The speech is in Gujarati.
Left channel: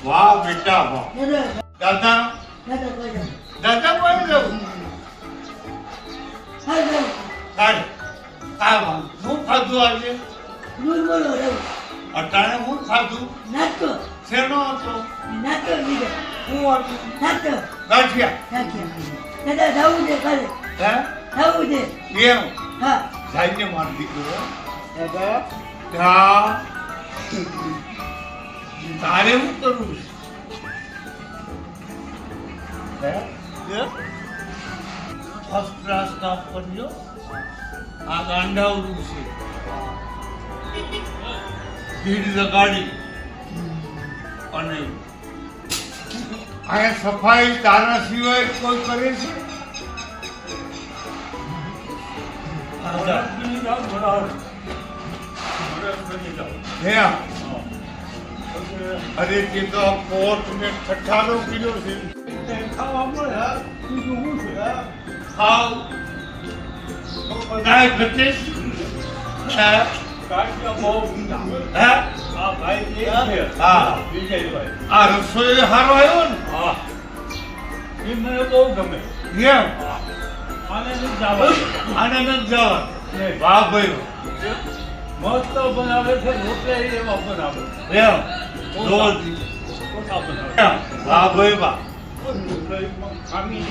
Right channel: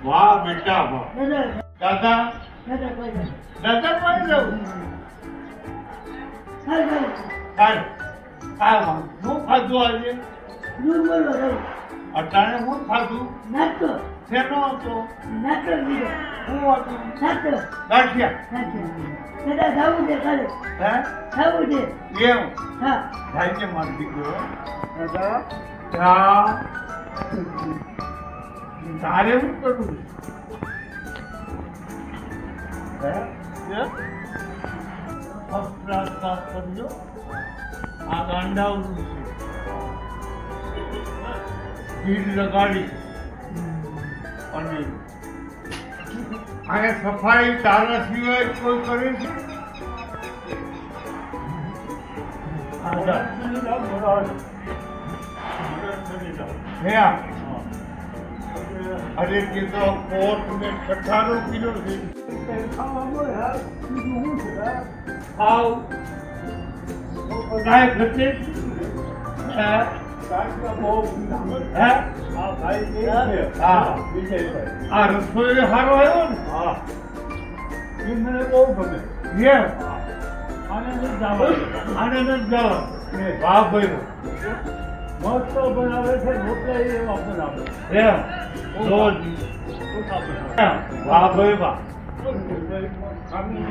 વાહ બેટા વાહ. દાદા દાદા કોઈ જવું કાઢ ખાવા શું ખાધું આજે અટાણે હું ખાધું શેનો હતો હું હતું ગાંઠિયા હે એમ સાહેબને માર દીકરો દાદા તારે શું કરવું છે ફર્સ્ટ ક્લાસ કામ કરજો આ ગાંડાવડું છે ભીડ લગાડી અને અહીંયા સફાઈ તારા સિવાય કોઈ કરે છે અરે તે તો કોટ ને ઠઠ્ઠાનો કિલો છે ખાવ કાંઈ ઘટે હા આ રસોઈ સારો આવ્યો ને એ મને બહુ ગમે એમ આને નથી જવાનું આને નથી જવા વાહ ભાઈ મસ્ત બનાવે છે રોટલા એવા બનાવે એમ જોરથી ઓછા બનાવે વાહ ભાઈ વાહ ખામી